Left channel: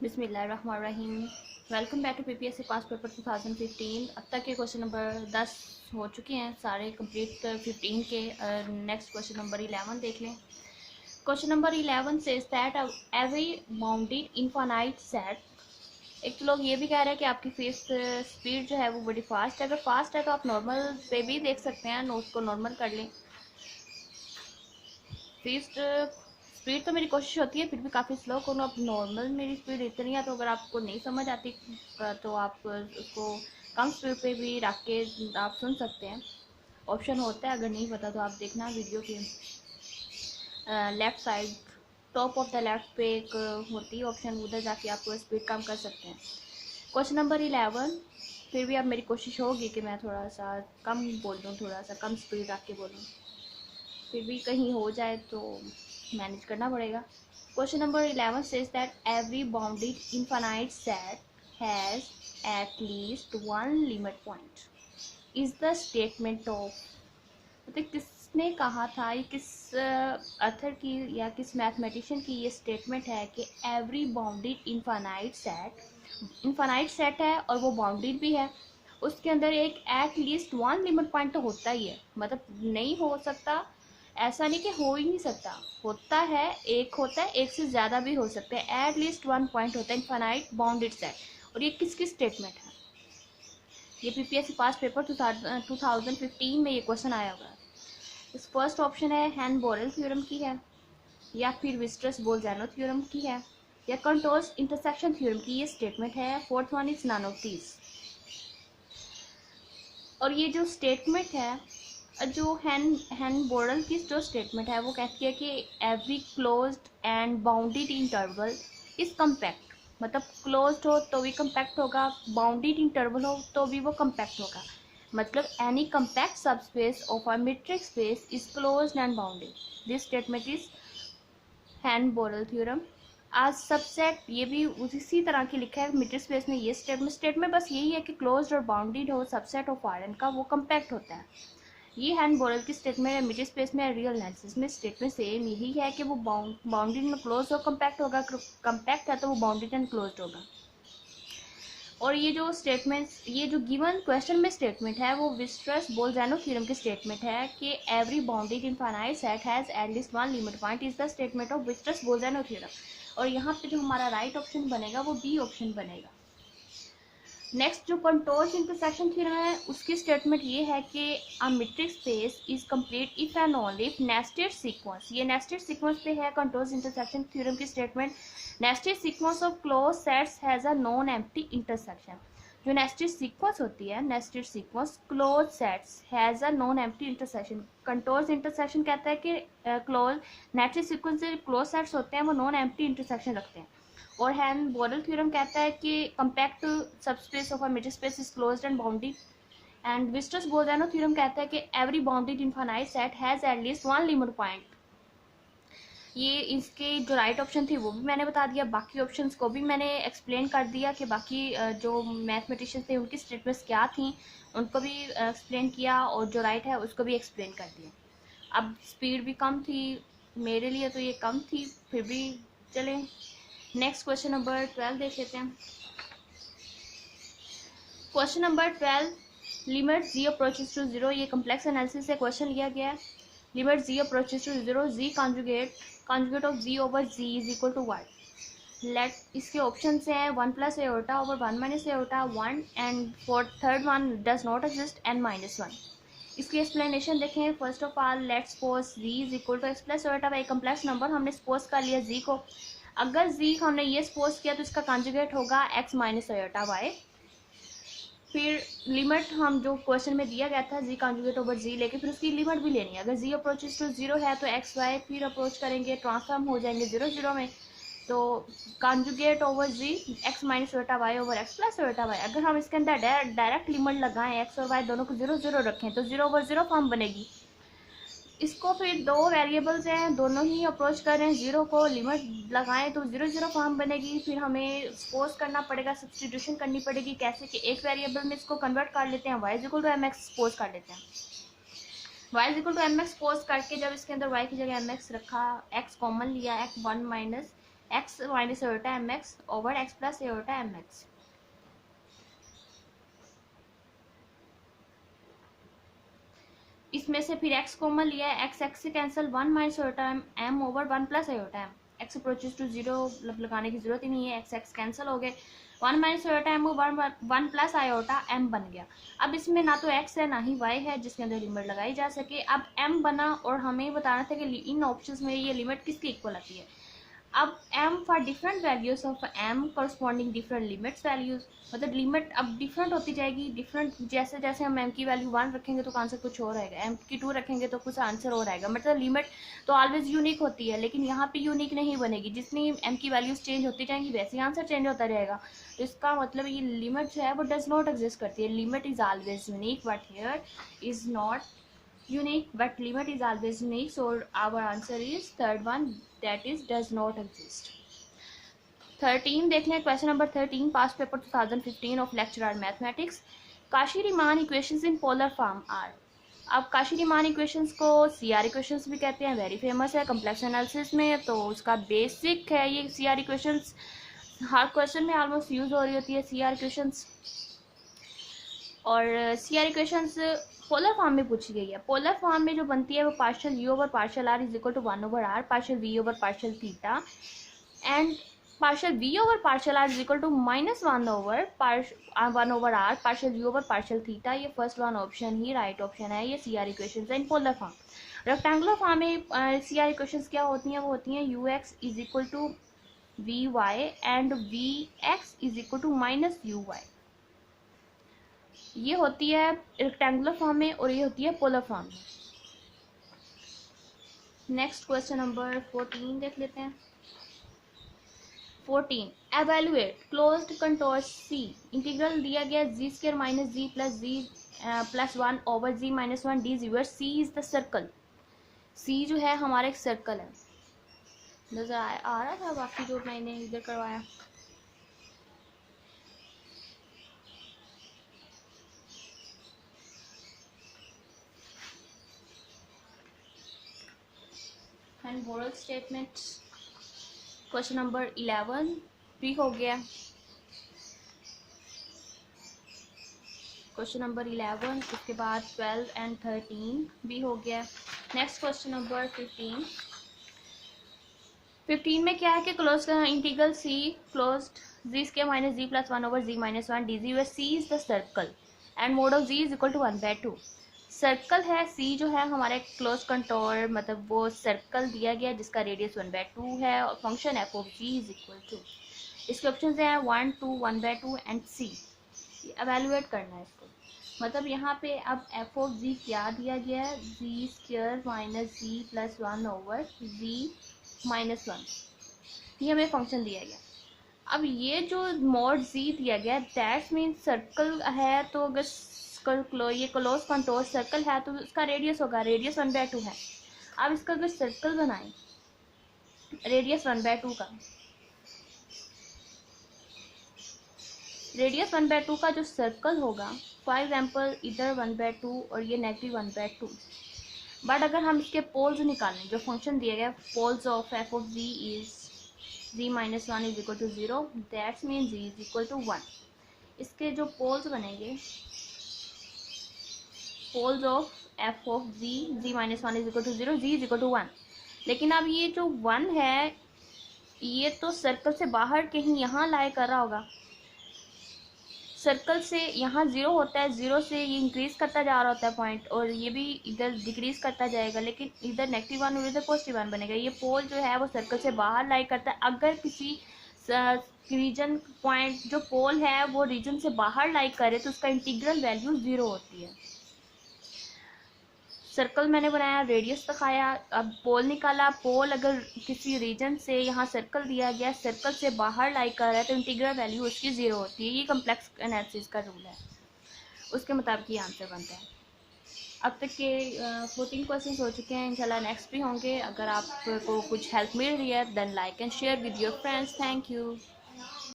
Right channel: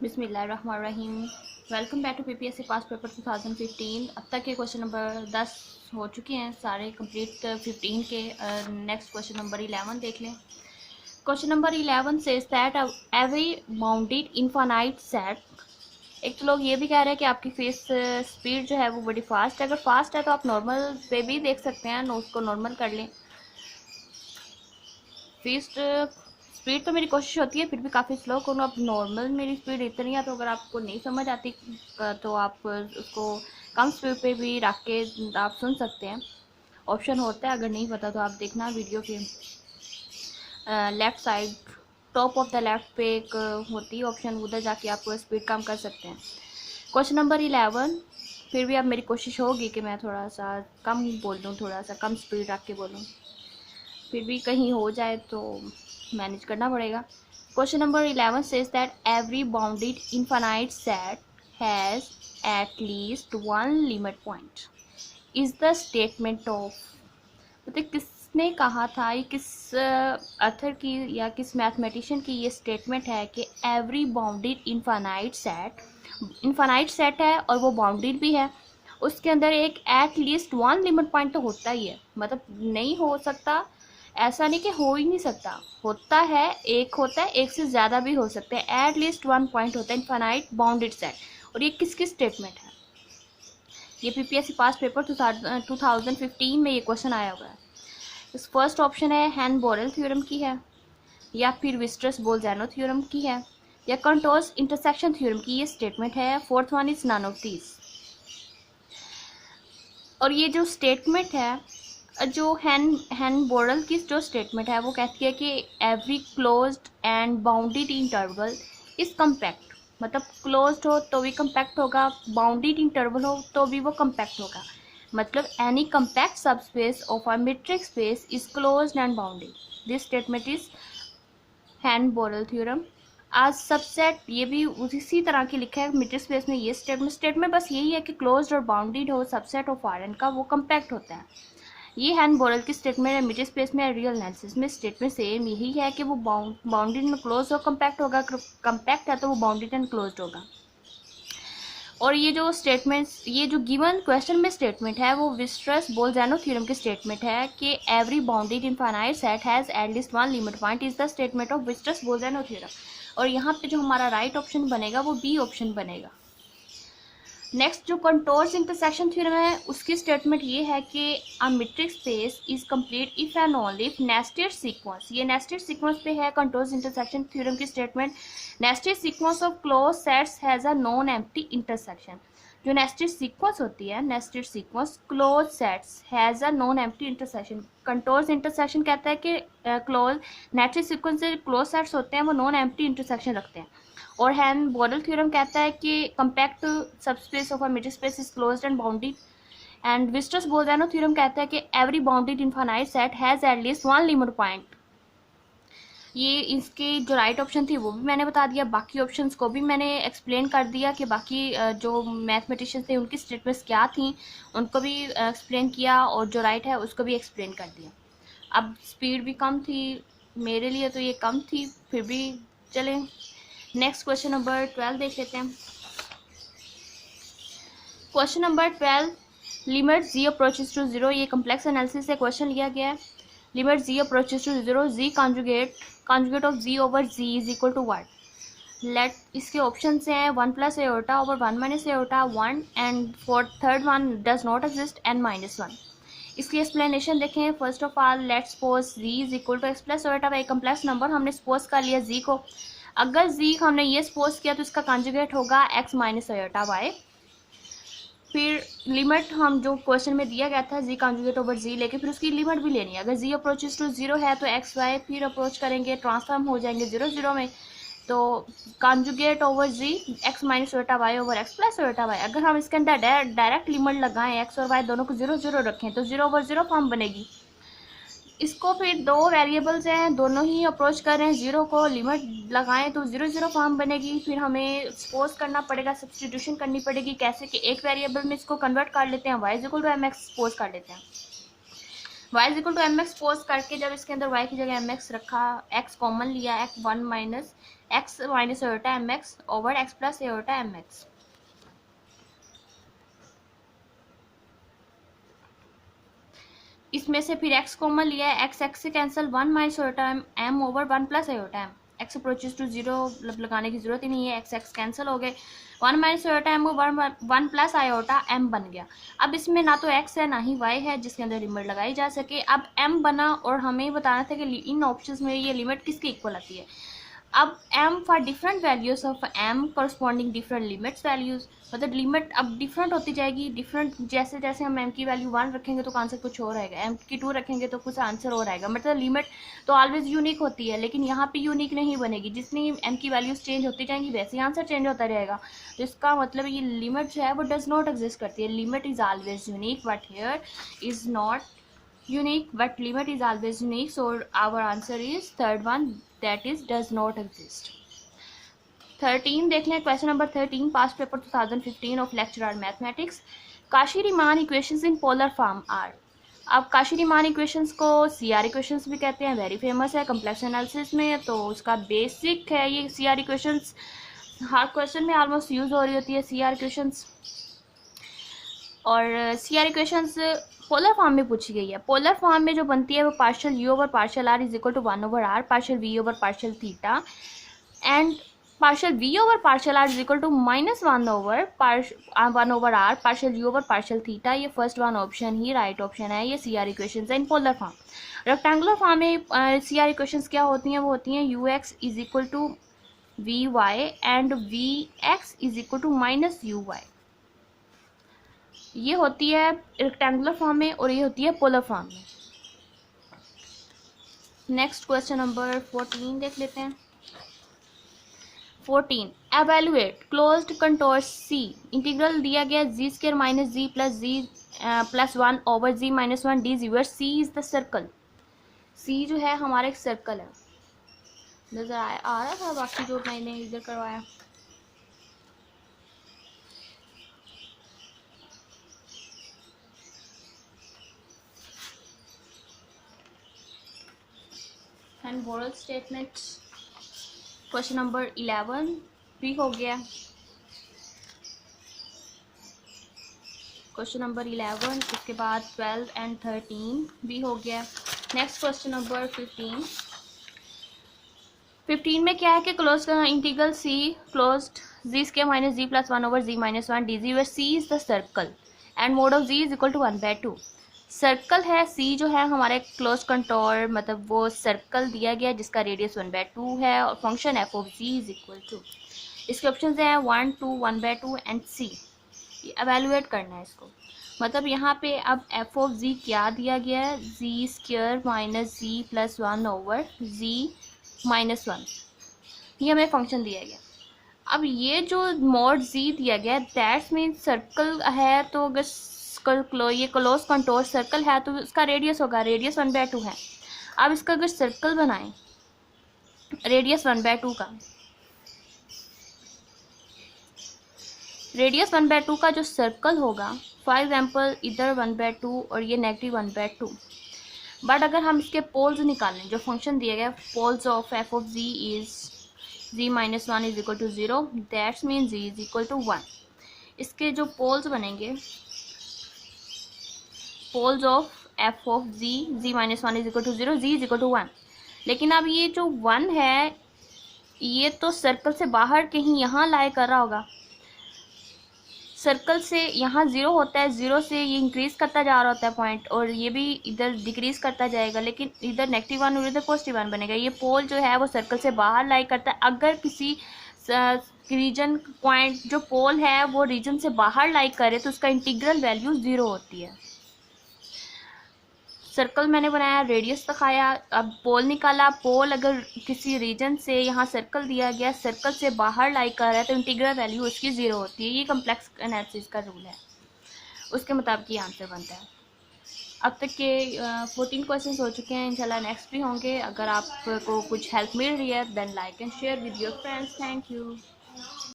बिस्मिल्लाहिर्रहमानिर्रहीम। Welcome back to PPSC pass paper 2015। अब तक के क्वेश्चन नंबर 10 हो चुके हैं सारे कंप्लीट 15 के। नेक्स्ट क्वेश्चन नंबर 11 देख लें। Question number 11 says that every bounded infinite set. एक तो लोग ये भी कह रहे हैं कि आपकी फेस स्पीड जो है वो बड़ी फास्ट है। अगर फास्ट है तो आप नॉर्मल पे भी देख सकते हैं, उसको नॉर्मल कर लें। फीस्ट स्पीड तो मेरी कोशिश होती है फिर भी काफ़ी स्लो करूँ। अब नॉर्मल मेरी स्पीड इतनी है, तो अगर आपको नहीं समझ आती तो आप उसको कम स्पीड पे भी रख के आप सुन सकते हैं। ऑप्शन होता है, अगर नहीं पता तो आप देखना वीडियो के left side top of the left पे एक होती है ऑप्शन, उधर जाके आप स्पीड कम कर सकते हैं। क्वेश्चन नंबर 11 फिर भी अब मेरी कोशिश होगी कि मैं थोड़ा सा कम बोल दूँ, थोड़ा सा कम स्पीड रख के बोलूँ। फिर भी कहीं हो जाए तो मैनेज करना पड़ेगा। Question number 11 says that every bounded infinite set has eight least one limit point is the statement of. मतलब किसने कहा था, ये किस अथर की या किस मैथमेटिशियन की ये स्टेटमेंट है कि एवरी बाउंडेड इनफाइनाइट सेट है और वो बाउंडेड भी है, उसके अंदर एक eight least one limit point तो होता ही है। मतलब नहीं हो सकता, ऐसा नहीं कि हो ही नहीं सकता, होता है, एक होता है, एक से ज़्यादा भी हो सकते हैं। एट लीस्ट वन पॉइंट होता है इनफाइनाइट बाउंडेड सेट। और ये किसकी स्टेटमेंट है? ये पीपीएससी पास पेपर 2015 में ये क्वेश्चन आया हुआ है। इस फर्स्ट ऑप्शन है हैन बोरेल थ्योरम की है, या फिर विस्ट्रस बोल्जानो थ्योरम की है, या कंटोर्स इंटरसेक्शन थ्योरम की ये स्टेटमेंट है। Fourth one is none of these. और ये जो स्टेटमेंट है, जो हैन बोरल की जो स्टेटमेंट है वो कहती है कि every closed and bounded interval is compact. मतलब क्लोज्ड हो तो भी कम्पैक्ट होगा, बाउंडेड इंटरवल हो तो भी वो कम्पैक्ट होगा। मतलब any compact subspace of a metric space is closed and bounded. This statement is Heine Borel theorem. आज सबसेट ये भी उसी तरह की लिखा है मीट्रिक स्पेस में। ये स्टेटमेंट बस यही है कि क्लोज्ड और बाउंडेड हो सबसेट ऑफ आर एन का वो कम्पैक्ट होता है। ये हैन बोरल की स्टेटमेंट है। मीट्रिक स्पेस में रियल एनालिसिस में स्टेटमेंट सेम यही है कि वो बाउंडेड एंड क्लोज और कम्पैक्ट होगा। कम्पैक्ट है तो वो बाउंडेड एंड क्लोज्ड होगा। और ये जो स्टेटमेंट, ये जो गिवन क्वेश्चन में स्टेटमेंट है वो विस्ट्रस बोल्जानो थ्योरम की स्टेटमेंट है कि every bounded infinite set has at least one limit point is the statement of Weierstrass Bolzano theorem. और यहाँ पे जो हमारा राइट ऑप्शन बनेगा वो बी ऑप्शन बनेगा। नेक्स्ट जो कंटोर्स इंटरसेक्शन थ्योरम है उसकी स्टेटमेंट ये है कि a metric space is complete if and only if nested sequence. ये नेस्टेड सीक्वेंस पे है कंटोर्स इंटरसेक्शन थ्योरम की statement. Nested sequence of closed sets has a non empty intersection. जो नेस्टेड सीक्वेंस होती है, nested sequence close sets has a non empty intersection. Contours intersection कहता है कि क्लोज नेस्टेड सीक्वेंस से क्लोज सेट्स होते हैं वो नॉन एम्प्टी इंटरसेक्शन रखते हैं। और हैन बोरल थ्योरम कहता है कि compact subspace of a metric space is closed and bounded. And Weierstrass Bolzano theorem कहता है कि every bounded infinite set has at least one limit point. ये इसके जो राइट ऑप्शन थी वो भी मैंने बता दिया, बाकी ऑप्शंस को भी मैंने एक्सप्लेन कर दिया कि बाकी जो मैथमेटिशियंस थे उनकी स्टेटमेंट्स क्या थी, उनको भी एक्सप्लेन किया, और जो राइट है उसको भी एक्सप्लेन कर दिया। अब स्पीड भी कम थी मेरे लिए, तो ये कम थी, फिर भी चलें। नेक्स्ट क्वेश्चन नंबर 12 देख लेते हैं। Question number 12, limit z approaches to zero. ये कम्प्लेक्स एनालिसिस से क्वेश्चन लिया गया है। Limit z approaches to zero, z conjugate of z over z is equal to what. Let इसके ऑप्शन से हैं 1 plus iota over 1 minus iota 1, and for third one does not exist and -1। इसकी explanation देखें। First of all let suppose z is equal to x plus aorta by complex number. हमने suppose कर लिया जी को। अगर जी हमने ये सपोज किया तो इसका कॉन्जुगेट होगा एक्स माइनस एओटा बाई, फिर लिमिट हम जो क्वेश्चन में दिया गया था जी कॉन्जुगेट ओवर जी लेके, फिर उसकी लिमिट भी लेनी है। अगर जी अप्रोचेस टू जीरो है तो एक्स वाई फिर अप्रोच करेंगे, ट्रांसफॉर्म हो जाएंगे जीरो जीरो में, तो कॉन्जुगेट ओवर जी एक्स माइनस ओटा वाई ओवर एक्स प्लस ओटा वाई। अगर हम इसके अंदर डायरेक्ट लिमिट लगाएं, एक्स और वाई दोनों को जीरो जीरो रखें तो जीरो ओवर जीरो फॉर्म बनेगी। इसको फिर दो वेरिएबल्स हैं, दोनों ही अप्रोच कर रहे हैं जीरो को, लिमिट लगाएं तो जीरो जीरो फॉर्म बनेगी। फिर हमें सपोज करना पड़ेगा, सब्सटीट्यूशन करनी पड़ेगी। कैसे कि एक वेरिएबल में इसको कन्वर्ट कर लेते हैं, y is equal to m x suppose कर लेते हैं। Y is equal to m x suppose करके जब इसके अंदर वाई की जगह एम एक्स रखा, एक्स कॉमन लिया, x 1 minus x minus iota m x over x plus iota m x. इसमें से फिर x कॉमन लिया है, x x से cancel, 1 minus iota m over 1 plus iota m। x approaches to 0 लगाने की जरूरत ही नहीं है, x x कैंसिल हो गए, 1 minus iota m over 1 plus iota m बन गया। अब इसमें ना तो x है ना ही y है जिसके अंदर लिमिट लगाई जा सके। अब m बना और हमें बताना था कि इन ऑप्शंस में ये लिमिट किसकी इक्वल आती है। अब m for different values of m corresponding different limits values, मतलब लिमिट अब डिफरेंट होती जाएगी। डिफरेंट जैसे जैसे हम m की वैल्यू 1 रखेंगे तो आंसर कुछ और आएगा, m की 2 रखेंगे तो कुछ आंसर और आएगा। मतलब लिमिट तो ऑलवेज यूनिक होती है, लेकिन यहाँ पे यूनिक नहीं बनेगी। जितनी m की वैल्यूज चेंज होती जाएंगी वैसे ही आंसर चेंज होता रहेगा। तो इसका मतलब ये लिमिट जो है वो डज नॉट एग्जिस्ट करती है। Limit is always unique but here is not unique, but limit is always unique, so our answer is third one, that is does not exist. 13 देखने question number 13 past paper 2015 of lecturer mathematics. Cauchy Riemann equations in polar form are. अब Cauchy Riemann equations को CR equations भी कहते हैं, very famous है complex analysis में, तो उसका बेसिक है ये सीआर इक्वेशंस। हर क्वेश्चन में ऑलमोस्ट यूज हो रही होती है सीआर इक्वेशंस। और सीआर इक्वेशंस पोलर फॉर्म में पूछी गई है। पोलर फॉर्म में जो बनती है वो partial u over partial r is equal to 1 over r, partial v over partial theta and partial v over partial r is equal to -1 over 1 over r partial u over partial theta. ये first one option ही right option है। ये CR equations है in polar form. Rectangular form में CR equations क्या होती हैं, वो होती हैं u x is equal to we y and v x is equal to minus u y. ये होती है रेक्टेंगुलर फॉर्म में और ये होती है पोलर फॉर्म में। नेक्स्ट क्वेश्चन नंबर 14 देख लेते हैं। 14 evaluate closed contour C. Integral दिया गया Z square minus ji plus 1 over ji minus 1 D G where C is the circle. C जो है हमारा एक सर्कल है। नजर आ रहा था बाकी जो मैंने इधर करवाया। And moral statement question number 11 भी हो गया। क्वेश्चन नंबर 11 उसके बाद 12 एंड 13 भी हो गया। नेक्स्ट क्वेश्चन नंबर 15 में क्या है कि close integral c closed z square minus ji plus 1 over ji minus 1 D G where C is the circle and mod of z is equal to 1/2। Circle है c जो है हमारे close contour, मतलब वो सर्कल दिया गया जिसका radius 1/2 है और function f of z is equal to, इसके ऑप्शन हैं 1, 2, 1/2 एंड सी। एवेलुएट करना है इसको। मतलब यहाँ पे अब एफ ऑफ जी क्या दिया गया है, जी स्क्वायर माइनस जी प्लस 1 ओवर जी माइनस 1, ये हमें फंक्शन दिया गया। अब ये जो मॉड जी दिया गया दैट्स मीन सर्कल है, तो अगर ये क्लोज कंटोर सर्कल है तो इसका रेडियस होगा, रेडियस 1/2 है। अब इसका अगर सर्कल बनाएं रेडियस 1/2 का, रेडियस 1/2 का जो सर्कल होगा, फॉर एग्जाम्पल इधर 1/2 और ये नेगेटिव 1/2, बट अगर हम इसके पोल्स निकालें, जो फंक्शन दिया गया poles of f of z is z minus 1 is equal to 0, that's mean z is equal to 1। इसके जो पोल्स बनेंगे, poles of f of z, z minus 1 is equal to 0, z is equal to 1। लेकिन अब ये जो 1 है ये तो सर्कल से बाहर कहीं यहाँ लाई कर रहा होगा। सर्कल से यहाँ 0 होता है, 0 से ये इंक्रीज करता जा रहा होता है पॉइंट, और ये भी इधर डिक्रीज करता जाएगा, लेकिन इधर -1 और इधर +1 बनेगा। ये पोल जो है वो सर्कल से बाहर लाई करता है। अगर किसी रीजन पॉइंट जो पोल है वो रीजन से बाहर लाई करे तो उसका इंटीग्रल वैल्यू 0 होती है। सर्कल मैंने बनाया, रेडियस दिखाया, अब पोल निकाला। पोल अगर किसी रीजन से, यहाँ सर्कल दिया गया, सर्कल से बाहर लाई कर रहा है तो इंटीग्रल वैल्यू उसकी 0 होती है। ये कॉम्प्लेक्स एनालिसिस का रूल है, उसके मुताबिक ये आंसर बनता है। अब तक के 14 क्वेश्चंस हो चुके हैं, इंशाल्लाह नेक्स्ट भी होंगे। अगर आपको कुछ हेल्प मिल रही है then like and share with your friends. Thank you.